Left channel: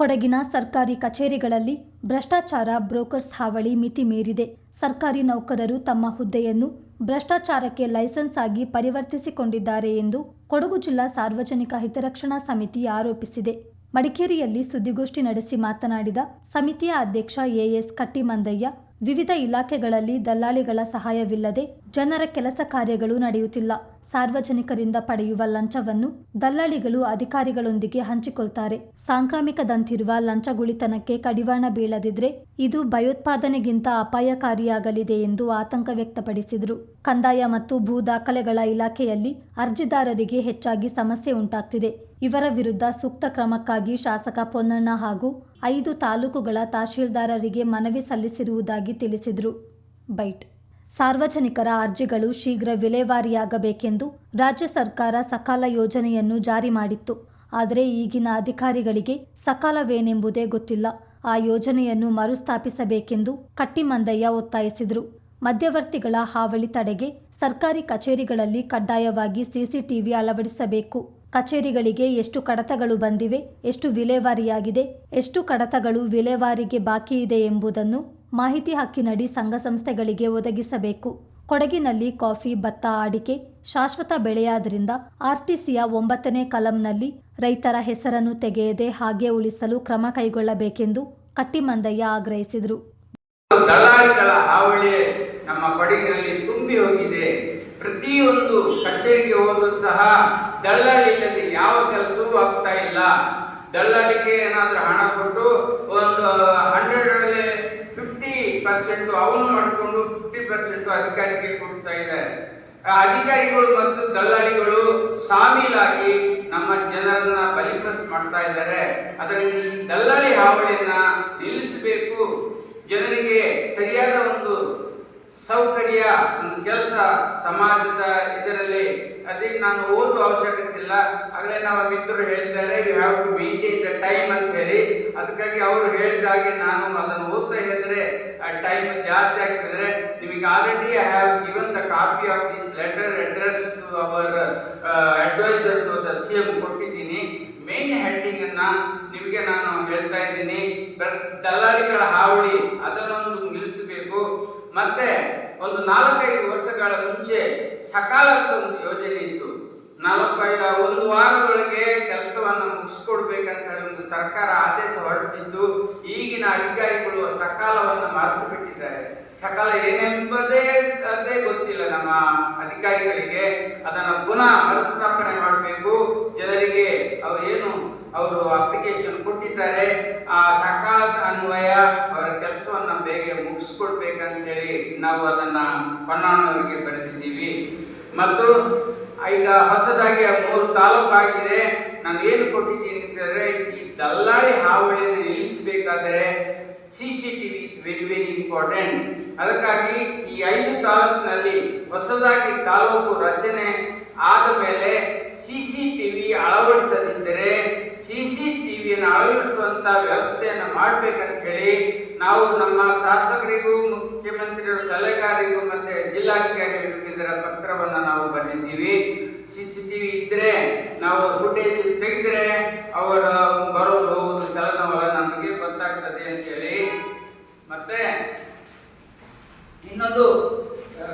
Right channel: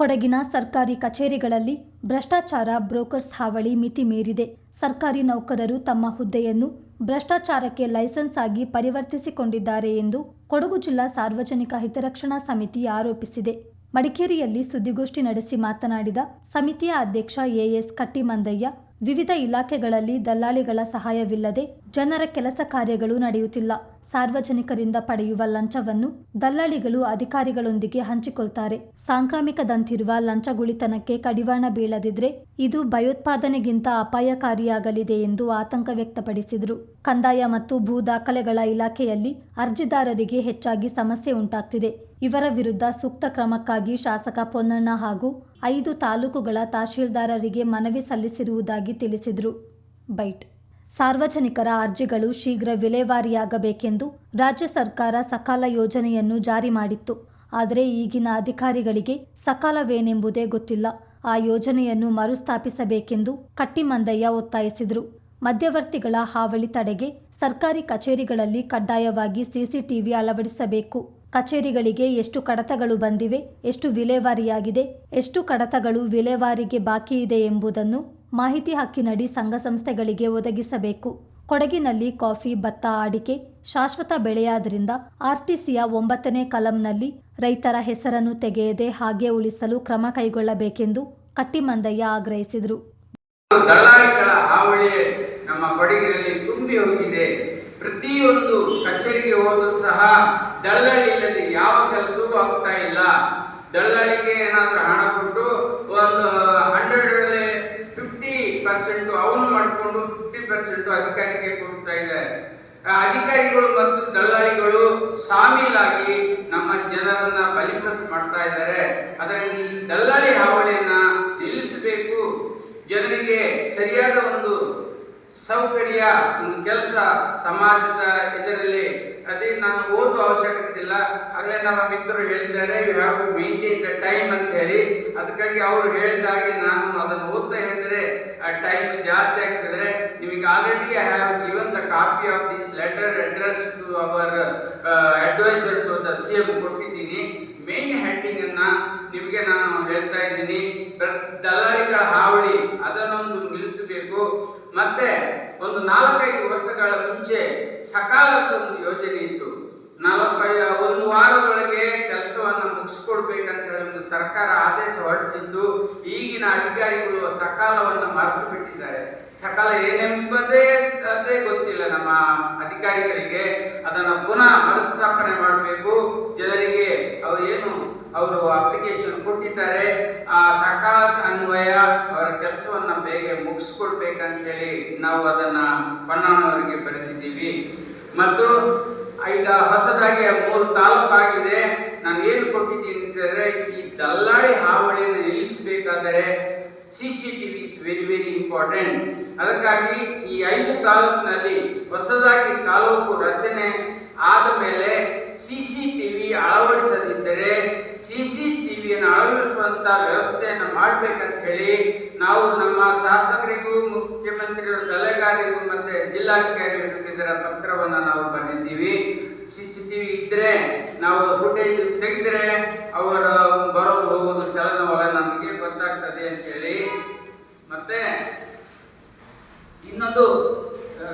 ಕೊಡಗಿನ ಸರ್ಕಾರಿ ಕಚೇರಿಗಳಲ್ಲಿ ಭ್ರಷ್ಟಾಚಾರ ಬ್ರೋಕರ್ಸ್ ಹಾವಳಿ ಮಿತಿ ಮೀರಿದೆ. ಸರ್ಕಾರಿ ನೌಕರರು ತಮ್ಮ ಹುದ್ದೆಯನ್ನು ಭ್ರಷ್ಟಾಚಾರಕ್ಕೆ ಲೈಸೆನ್ಸ್ ಆಗಿ ಪರಿವರ್ತಿಸಿಕೊಂಡಿದ್ದಾರೆ ಎಂದು ಕೊಡಗು ಜಿಲ್ಲಾ ಸಾರ್ವಜನಿಕ ಹಿತರಕ್ಷಣಾ ಸಮಿತಿ ಆರೋಪಿಸಿದೆ. ಮಡಿಕೇರಿಯಲ್ಲಿ ಸುದ್ದಿಗೋಷ್ಠಿ ನಡೆಸಿ ಮಾತನಾಡಿದ ಸಮಿತಿಯ ಅಧ್ಯಕ್ಷ ಎಎಸ್ ಕಟ್ಟಿಮಂದಯ್ಯ ವಿವಿಧ ಇಲಾಖೆಗಳಲ್ಲಿ ದಲ್ಲಾಳಿಗಳ ಸಹಾಯವಿಲ್ಲದೆ ಜನರ ಕೆಲಸ ಕಾರ್ಯಗಳು ನಡೆಯುತ್ತಿಲ್ಲ. ಸಾರ್ವಜನಿಕರಿಂದ ಪಡೆಯುವ ಲಂಚವನ್ನು ದಲ್ಲಾಳಿಗಳು ಅಧಿಕಾರಿಗಳೊಂದಿಗೆ ಹಂಚಿಕೊಳ್ತಾರೆ. ಸಾಂಕ್ರಾಮಿಕದಂತಿರುವ ಲಂಚಗುಳಿತನಕ್ಕೆ ಕಡಿವಾಣ ಬೀಳದಿದ್ರೆ ಇದು ಭಯೋತ್ಪಾದನೆಗಿಂತ ಅಪಾಯಕಾರಿಯಾಗಲಿದೆ ಎಂದು ಆತಂಕ ವ್ಯಕ್ತಪಡಿಸಿದರು. ಕಂದಾಯ ಮತ್ತು ಭೂ ದಾಖಲೆಗಳ ಇಲಾಖೆಯಲ್ಲಿ ಅರ್ಜಿದಾರರಿಗೆ ಹೆಚ್ಚಾಗಿ ಸಮಸ್ಯೆ ಉಂಟಾಗ್ತಿದೆ. ಇವರ ವಿರುದ್ಧ ಸೂಕ್ತ ಕ್ರಮಕ್ಕಾಗಿ ಶಾಸಕ ಪೊನ್ನಣ್ಣ ಹಾಗೂ ಐದು ತಾಲೂಕುಗಳ ತಹಶೀಲ್ದಾರರಿಗೆ ಮನವಿ ಸಲ್ಲಿಸಿರುವುದಾಗಿ ತಿಳಿಸಿದರು. ಬೈಟ್. ಸಾರ್ವಜನಿಕರ ಅರ್ಜಿಗಳು ಶೀಘ್ರ ವಿಲೇವಾರಿಯಾಗಬೇಕೆಂದು ರಾಜ್ಯ ಸರ್ಕಾರ ಸಕಾಲ ಯೋಜನೆಯನ್ನು ಜಾರಿ ಮಾಡಿತ್ತು. ಆದರೆ ಈಗಿನ ಅಧಿಕಾರಿಗಳಿಗೆ ಸಕಾಲವೇನೆಂಬುದೇ ಗೊತ್ತಿಲ್ಲ. ಆ ಯೋಜನೆಯನ್ನು ಮರುಸ್ಥಾಪಿಸಬೇಕೆಂದು ಕಟ್ಟಿಮಂದಯ್ಯ ಒತ್ತಾಯಿಸಿದರು. ಮಧ್ಯವರ್ತಿಗಳ ಹಾವಳಿ ತಡೆಗೆ ಸರ್ಕಾರಿ ಕಚೇರಿಗಳಲ್ಲಿ ಕಡ್ಡಾಯವಾಗಿ ಸಿಸಿಟಿವಿ ಅಳವಡಿಸಬೇಕು. ಕಚೇರಿಗಳಿಗೆ ಎಷ್ಟು ಕಡತಗಳು ಬಂದಿವೆ, ಎಷ್ಟು ವಿಲೇವಾರಿಯಾಗಿದೆ, ಎಷ್ಟು ಕಡತಗಳು ವಿಲೇವಾರಿಗೆ ಬಾಕಿ ಇದೆ ಎಂಬುದನ್ನು ಮಾಹಿತಿ ಹಕ್ಕಿನಡಿ ಸಂಘ ಸಂಸ್ಥೆಗಳಿಗೆ ಒದಗಿಸಬೇಕು. ಕೊಡಗಿನಲ್ಲಿ ಕಾಫಿ, ಭತ್ತ ಅಡಿಕೆ ಶಾಶ್ವತ ಬೆಳೆಯಾದ್ರಿಂದ ಆರ್ಟಿಸಿಯ ಒಂಬತ್ತನೇ ಕಲಂನಲ್ಲಿ ರೈತರ ಹೆಸರನ್ನು ತೆಗೆಯದೆ ಹಾಗೆ ಉಳಿಸಲು ಕ್ರಮ ಕೈಗೊಳ್ಳಬೇಕೆಂದು ಕಟ್ಟಿಮಂದಯ್ಯ ಆಗ್ರಹಿಸಿದರು. ನಮ್ಮ ಕೊಡಗಿನಲ್ಲಿ ತುಂಬಿ ಹೋಗಿದೆ ಪ್ರತಿಯೊಂದು ಕಚೇರಿಗೆ ಹೋದರೂ ಸಹ ದಲ್ಲಾಳಿ ಇಲ್ಲದೆ ಯಾವ ಕೆಲಸವೂ ಆಗ್ತಾ ಇಲ್ಲ ದಲ್ಲಾಳಿಗೆ ಏನಾದರೂ ಹಣ ಕೊಟ್ಟು ಒಂದು ಹಂಡ್ರೆಡಲ್ಲಿ ಫಿಫ್ಟಿ ಪರ್ಸೆಂಟ್ ಅವನು ಮಾಡಿಕೊಂಡು ಫಿಫ್ಟಿ ಪರ್ಸೆಂಟ್ ಅಧಿಕಾರಿಗೆ ಕೊಡ್ತಾ ಇದ್ದಾರೆ ಅಧಿಕಾರಿಗಳು ಮತ್ತು ದಲ್ಲಾಳಿಗಳು ಸಾಮೀಲಾಗಿ ನಮ್ಮ ಜನರನ್ನ ಬಲಿಪಸ್ ಮಾಡ್ತಾ ಇದ್ದಾರೆ. ಅದರಿಂದ ಈ ದಲ್ಲಾಳಿ ಹಾವಳಿಯನ್ನ ನಿಲ್ಲಿಸಬೇಕು. ಜನರಿಗೆ ಸರಿಯಾದ ಒಂದು ಸೌಕರ್ಯ, ಒಂದು ಕೆಲಸ ಸಮಾಜದ ಇದರಲ್ಲಿ, ಅದೇ ನಾನು ಓದುವ ಅವಶ್ಯಕತೆ ಇಲ್ಲ. ಆಗಲೇ ನಮ್ಮ ಮಿತ್ರರು ಹೇಳಿದ್ದಾರೆ ಯು ಹ್ಯಾವ್ ನಿಮಗೆ I have have given the copy of letter letter address to our advisor to the CM ಕೊಟ್ಟಿದ್ದೀನಿ. ಮೇನ್ ಹೆಡ್ಡಿಂಗ್ ಅನ್ನ ನಿಮಗೆ ನಾನು ಹೇಳ್ತಾ ಇದ್ದೀನಿ. ದಲ್ಲಾಳಿಗಳ ಹಾವಳಿ, ಅದನ್ನೊಂದು ನಿಲ್ಲಿಸಬೇಕು. ಮತ್ತೆ ಒಂದು ನಾಲ್ಕೈದು ವರ್ಷಗಳ ಮುಂಚೆ ಸಕಾಲದ ಒಂದು ಯೋಜನೆ ಇತ್ತು. ನಾಲ್ಕೈದು, ಒಂದು ವಾರದೊಳಗೆ ಕೆಲಸವನ್ನು ಮುಗಿಸ್ಕೊಡ್ಬೇಕಂತ ಒಂದು ಸರ್ಕಾರ ಆದೇಶ ಹೊರಡಿಸಿದ್ದು ಈಗಿನ ಅಧಿಕಾರಿಗಳು ಸಕಾಲವನ್ನು ಮರೆತು ಬಿಟ್ಟಿದ್ದಾರೆ. ಸಕಾಲ ಏನೆಂಬುದೇ ಅದೇ ಗೊತ್ತಿಲ್ಲ. ನಮ್ಮ ಅಧಿಕಾರಿಗಳಿಗೆ ಅದನ್ನು ಪುನಃ ಮರುಸ್ಥಾಪನೆ ಮಾಡಬೇಕು. ಜನರಿಗೆ ಅವರು ಏನು, ಅವರು ಅಪ್ಲಿಕೇಶನ್ ಕೊಟ್ಟಿದ್ದಾರೆ. ಆ ಸಕಾಲ ಅನ್ವಯ ಅವರ ಕೆಲಸವನ್ನು ಬೇಗ ಮುಗಿಸ್ಕೊಡ್ಬೇಕಂತೇಳಿ ನಾವು ಅದನ್ನ ಪಣ್ಣನವರಿಗೆ ಬರೆದಿದ್ದೀವಿ. ಮತ್ತು ಈಗ ಹೊಸದಾಗಿ ಮೂರು ತಾಲೂಕು ಆಗಿದೆ. ನಾನು ಏನು ಕೊಟ್ಟಿದ್ದೀನಿ ಅಂತಂದ್ರೆ ಈ ದಲ್ಲಾಳಿ ಹಾವಳಿಯನ್ನು ನಿಲ್ಲಿಸಬೇಕಾದರೆ C C T V important ಅದಕ್ಕಾಗಿ ಈ ಐದು ತಾಲೂಕಿನಲ್ಲಿ ಹೊಸದಾಗಿ ತಾಲೂಕು ರಚನೆ ಆದ ಮೇಲೆ ಸಿಸಿ ಟಿವಿ ಅಳವಡಿಸದಿದ್ದರೆ ಸಿಸಿ ಟಿವಿಯನ್ನು ಟಿ ವಿಯನ್ನು ಅಳವಡಿಸುವಂತ ವ್ಯವಸ್ಥೆಯನ್ನು ಮಾಡಬೇಕಂತ ಹೇಳಿ ನಾವು ನಮ್ಮ ಶಾಸಕರಿಗೂ ಮುಖ್ಯಮಂತ್ರಿಗಳ ಸಲಹೆಗಾರರಿಗೂ ಮತ್ತೆ ಜಿಲ್ಲಾಧಿಕಾರಿಗಳಿಗೂ ಇದರ ಪತ್ರವನ್ನು ನಾವು ಬರೆದಿದ್ದೀವಿ ಸಿ ಸಿ ಟಿ ವಿ ಇದ್ರೆ ನಾವು ಫುಟೇಜ್ ತೆಗೆದ್ರೆ ಅವರ ಬರೋದು ಹೋಗೋದು ಚಲನವಲನ ನಮಗೆ ಗೊತ್ತಾಗ್ತದೆ ಅಂತ ಹೇಳಿ ಮತ್ತೆ ಇನ್ನೊಂದು ಆ,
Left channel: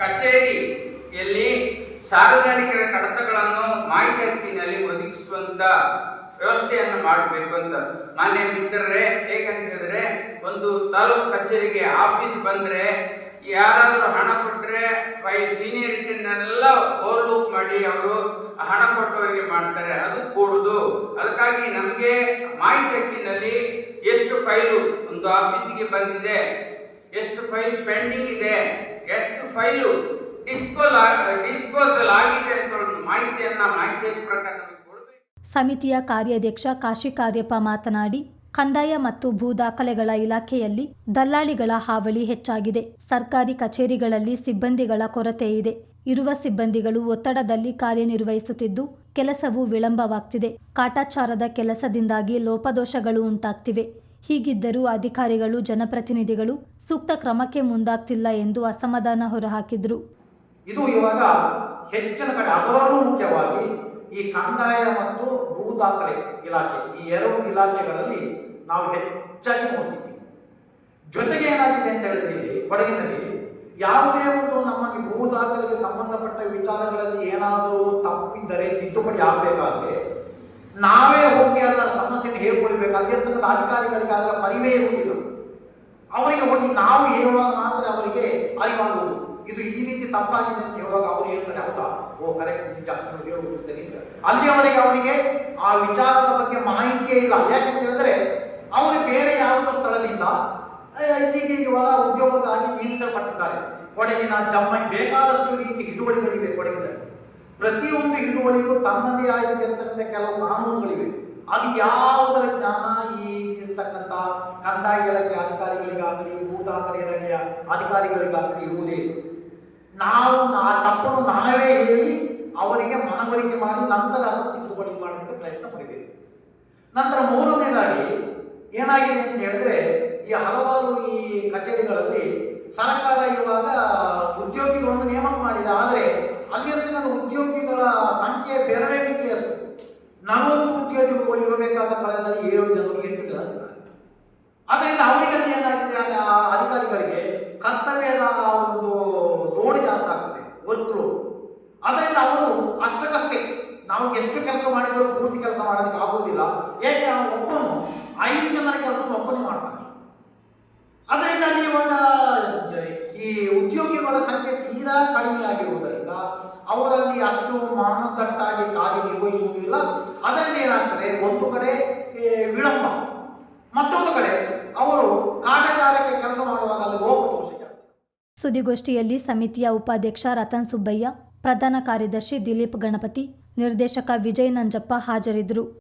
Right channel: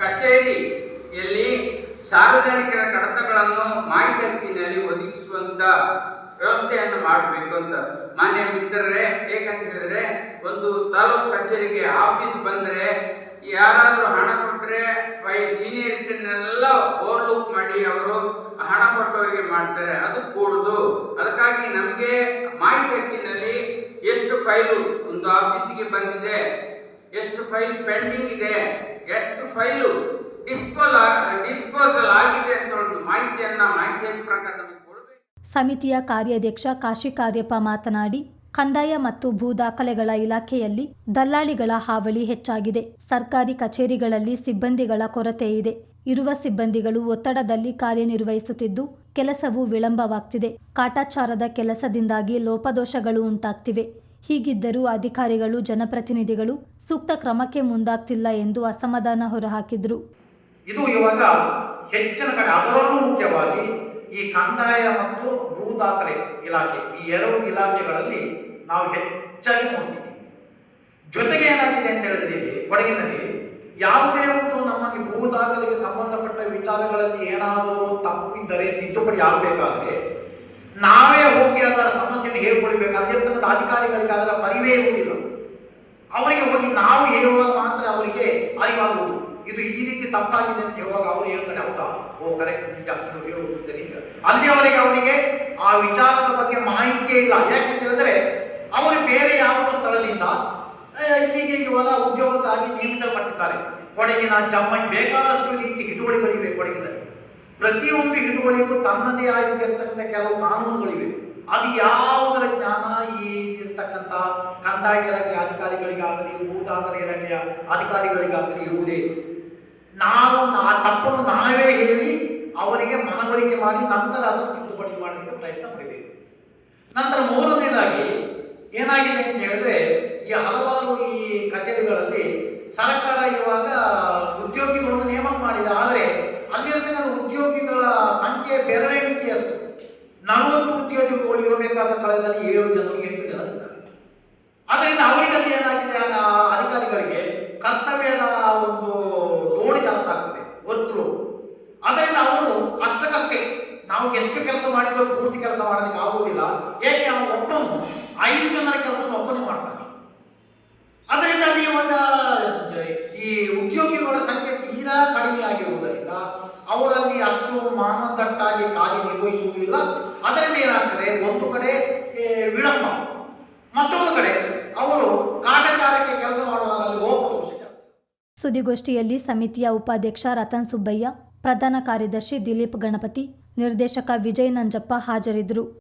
ಕಚೇರಿಯಲ್ಲಿ ಸಾರ್ವಜನಿಕರ ಕಡತಗಳನ್ನು ಮಾಹಿತಿ ಹಕ್ಕಿನಲ್ಲಿ ಒದಗಿಸುವಂತ ವ್ಯವಸ್ಥೆಯನ್ನು ಮಾಡಬೇಕು ಅಂತ. ಮಾನ್ಯ ಮಿತ್ರರೇ ಏಕಂತ ಹೇಳಿದ್ರೆ ಒಂದು ತಾಲೂಕು ಕಚೇರಿಗೆ ಆಫೀಸ್ ಬಂದ್ರೆ ಯಾರಾದರೂ ಹಣ ಕೊಟ್ಟರೆ ಫೈಲ್ ಸೀನಿಯರಿಟಿನೆಲ್ಲ ಓವರ್ಲುಕ್ ಮಾಡಿ ಅವರು ಹಣ ಕೊಟ್ಟವರಿಗೆ ಮಾಡ್ತಾರೆ, ಅದು ಕೂಡುದು. ಅದಕ್ಕಾಗಿ ನಮಗೆ ಮಾಹಿತಿ ಹಕ್ಕಿನಲ್ಲಿ ಎಷ್ಟು ಫೈಲು ಒಂದು ಆಫೀಸಿಗೆ ಬಂದಿದೆ, ಎಷ್ಟು ಫೈಲ್ ಪೆಂಡಿಂಗ್ ಇದೆ, ಎಷ್ಟು ಫೈಲು ಡಿಸ್ಪೋಲ್ ಡಿಸ್ಪೋಸಲ್ ಆಗಿದೆ ಅಂತ ಒಂದು ಮಾಹಿತಿಯನ್ನ ಮಾಹಿತಿ ಹಕ್ಕು ಪ್ರಕಾರ ನಮಗೆ ಕೊಡಬೇಕು ಸಮಿತಿಯ ಕಾರ್ಯಾಧ್ಯಕ್ಷ ಕಾಶಿ ಕಾರ್ಯಪ್ಪ ಮಾತನಾಡಿ, ಕಂದಾಯ ಮತ್ತು ಭೂ ದಾಖಲೆಗಳ ಇಲಾಖೆಯಲ್ಲಿ ದಲ್ಲಾಳಿಗಳ ಹಾವಳಿ ಹೆಚ್ಚಾಗಿದೆ. ಸರ್ಕಾರಿ ಕಚೇರಿಗಳಲ್ಲಿ ಸಿಬ್ಬಂದಿಗಳ ಕೊರತೆ ಇದೆ. ಇರುವ ಸಿಬ್ಬಂದಿಗಳು ಒತ್ತಡದಲ್ಲಿ ಕಾರ್ಯನಿರ್ವಹಿಸುತ್ತಿದ್ದು, ಕೆಲಸವು ವಿಳಂಬವಾಗ್ತಿದೆ. ಕಾಟಾಚಾರದ ಕೆಲಸದಿಂದಾಗಿ ಲೋಪದೋಷಗಳು ಉಂಟಾಗ್ತಿವೆ. ಹೀಗಿದ್ದರೂ ಅಧಿಕಾರಿಗಳು, ಜನಪ್ರತಿನಿಧಿಗಳು ಸೂಕ್ತ ಕ್ರಮಕ್ಕೆ ಮುಂದಾಗ್ತಿಲ್ಲ ಎಂದು ಅಸಮಾಧಾನ ಹೊರಹಾಕಿದ್ರು. ಇದು ಇವಾಗ ಹೆಚ್ಚಿನ ಕಡೆ ಅದರಲ್ಲೂ ಮುಖ್ಯವಾಗಿ ಈ ಕಂದಾಯ ಮತ್ತು ಭೂ ದಾಖಲೆ ಇಲಾಖೆ, ಈ ಎರಡು ಇಲಾಖೆಗಳಲ್ಲಿ ನಾವು ಹೆಚ್ಚಾಗಿ ನೋಡ್ತಿದ್ದೀವಿ. ಜೊತೆಗೆ ಏನಾಗಿದೆ ಅಂತ ಹೇಳಿದ್ರೆ ಇಲ್ಲಿ ಕೊಡಗಿನಲ್ಲಿ ಯಾವುದೇ ಒಂದು ನಮಗೆ ಭೂ ದಾಖಲೆಗೆ ಸಂಬಂಧಪಟ್ಟ ವಿಚಾರಗಳಲ್ಲಿ ಏನಾದರೂ ತಪ್ಪಿದ್ದರೆ, ತಿದ್ದುಪಡಿ ಆಗಬೇಕಾದ್ರೆ ನಾವೇ ಹೋಗಿ ಅದರ ಸಮಸ್ಯೆಯನ್ನು ಹೇಳ್ಕೊಳ್ಬೇಕಾದ್ರೆ ಇರ್ತಕ್ಕಂಥ ಅಧಿಕಾರಿಗಳಿಗೆ ಅದರ ಪರಿವೇ ಇರುವುದಿಲ್ಲ. ಅವರಿಗೆ ಹೋಗಿ ನಾವು ಹೇಳುವಾಗ ಮಾತ್ರ ಅವರಿಗೆ ಅರಿವಾಗುವುದು. ಇದು ಈ ರೀತಿ ತಪ್ಪಾಗಿದೆ ಅಂತ ಹೇಳುವಾಗ ಅವರು ಹೇಳ್ತಾರೆ, ಹೌದಾ? ಓ ಕರೆಕ್ಟ್ ನಿಜ. ಹೇಳುವುದು ಸರಿ. ಅಲ್ಲಿಯವರೆಗೆ ಅವರಿಗೆ ಆ ವಿಚಾರದ ಬಗ್ಗೆ ಮಾಹಿತಿಯೇ ಇಲ್ಲ. ಯಾಕೆಂತ ಹೇಳಿದ್ರೆ, ಅವರು ಬೇರೆ ಯಾವುದೋ ಸ್ಥಳದಿಂದ ಇಲ್ಲಿಗೆ ಇವಾಗ ಉದ್ಯೋಗಕ್ಕಾಗಿ ನೇಮಿಸಲ್ಪಟ್ಟಿದ್ದಾರೆ. ಕೊಡಗಿನ ಜಮ್ಮೈ ಬೇಕಾದಷ್ಟು ರೀತಿ ಹಿಡುವಳಿಗಳಿವೆ ಕೊಡಗಿನಲ್ಲಿ. ಪ್ರತಿಯೊಂದು ಹಿಡುವಳಿಗೂ ತನ್ನದೇ ಆಗಿರ್ತಕ್ಕಂಥ ಕೆಲವು ಕಾನೂನುಗಳಿವೆ. ಅದು ಯಾವುದರ ಜ್ಞಾನ ಈ ಕಂದಾಯ ಇಲಾಖೆ ಅಧಿಕಾರಿಗಳಿಗಾಗಲಿ ಭೂ ದಾಖಲೆ ಇಲಾಖೆಯ ಅಧಿಕಾರಿಗಳಿಗಾಗಲಿ ಇರುವುದೇ. ನಾವು ಆ ತಪ್ಪನ್ನು ನಾವೇ ಹೇಳಿ ಅವರಿಗೆ ಮನವರಿಕೆ ಮಾಡಿ ನಂತರ ಅದನ್ನು ತಿದ್ದುಪಡಿ ಮಾಡಲಿಕ್ಕೆ ಪ್ರಯತ್ನ ಪಡಬೇಕು. ನಂತರ ಮೂರನೇದಾಗಿ ಏನಾಗಿದೆ ಅಂತ ಹೇಳಿದ್ರೆ ಈ ಹಲವಾರು ಈ ಕಚೇರಿಗಳಲ್ಲಿ ಸರ್ಕಾರ ಇವಾಗ ಉದ್ಯೋಗಿಗಳನ್ನು ನೇಮಕ ಮಾಡಿದೆ. ಆದರೆ ಅಲ್ಲಿರ್ತಕ್ಕಂಥ ಉದ್ಯೋಗಿಗಳ ಸಂಖ್ಯೆ ಬೆರಳೆಣಿಕೆಯಷ್ಟು. ನಲವತ್ತು ಉದ್ಯೋಗಿಗಳು ಇರಬೇಕಾದ ಕಾಲದಲ್ಲಿ ಏಳು ಜನರು, ಎಂಟು ಜನ ಇದ್ದಾರೆ. ಅದರಿಂದ ಅವರಿಗಲ್ಲಿ ಏನಾಗಿದೆ? ಅಧಿಕಾರಿಗಳಿಗೆ ಕರ್ತವ್ಯದ ಒಂದು ಲೋಡ್ ಜಾಸ್ತಿ ಆಗ್ತದೆ ವರ್ಕ್ ಲೋಡ್ ಅದರಿಂದ ಅವರು ಅಷ್ಟಕ್ಕಷ್ಟೇ ನಾವು ಎಷ್ಟು ಕೆಲಸ ಮಾಡಿದ್ರು ಪೂರ್ತಿ ಕೆಲಸ ಮಾಡೋದಕ್ಕೆ ಆಗೋದಿಲ್ಲ ಏಕೆ ಅವನು ಒಬ್ಬನು ಐದು ಜನರ ಕೆಲಸ ಒಬ್ಬನು ಮಾಡ್ತಾನೆ ಅದರಿಂದ ಅಲ್ಲಿ ಇವಾಗ ಈ ಉದ್ಯೋಗಿಗಳ ಸಂಖ್ಯೆ ತೀರಾ ಕಡಿಮೆ ಆಗಿರುವುದರಿಂದ ಅವರಲ್ಲಿ ಅಷ್ಟು ಮಾನದಂಡಾಗಿ ಕಾರ್ಯನಿರ್ವಹಿಸುವುದಿಲ್ಲ ಅದರಿಂದ ಏನಾಗ್ತದೆ? ಒಂದು ಕಡೆ ವಿಳಂಬ. ಮತ್ತೊಂದು ಕಡೆ, ಅವರು ಕಾಟಚಾರಕ್ಕೆ ಕೆಲಸ ಮಾಡುವಾಗ ಅಲ್ಲಿ ಜಾಸ್ತಿ. ಸುದ್ದಿಗೋಷ್ಠಿಯಲ್ಲಿ ಸಮಿತಿಯ ಉಪಾಧ್ಯಕ್ಷ ರತನ್ ಸುಬ್ಬಯ್ಯ, ಪ್ರಧಾನ ಕಾರ್ಯದರ್ಶಿ ದಿಲೀಪ್ ಗಣಪತಿ, ನಿರ್ದೇಶಕ ವಿಜಯ್ ನಂಜಪ್ಪ ಹಾಜರಿದ್ದರು.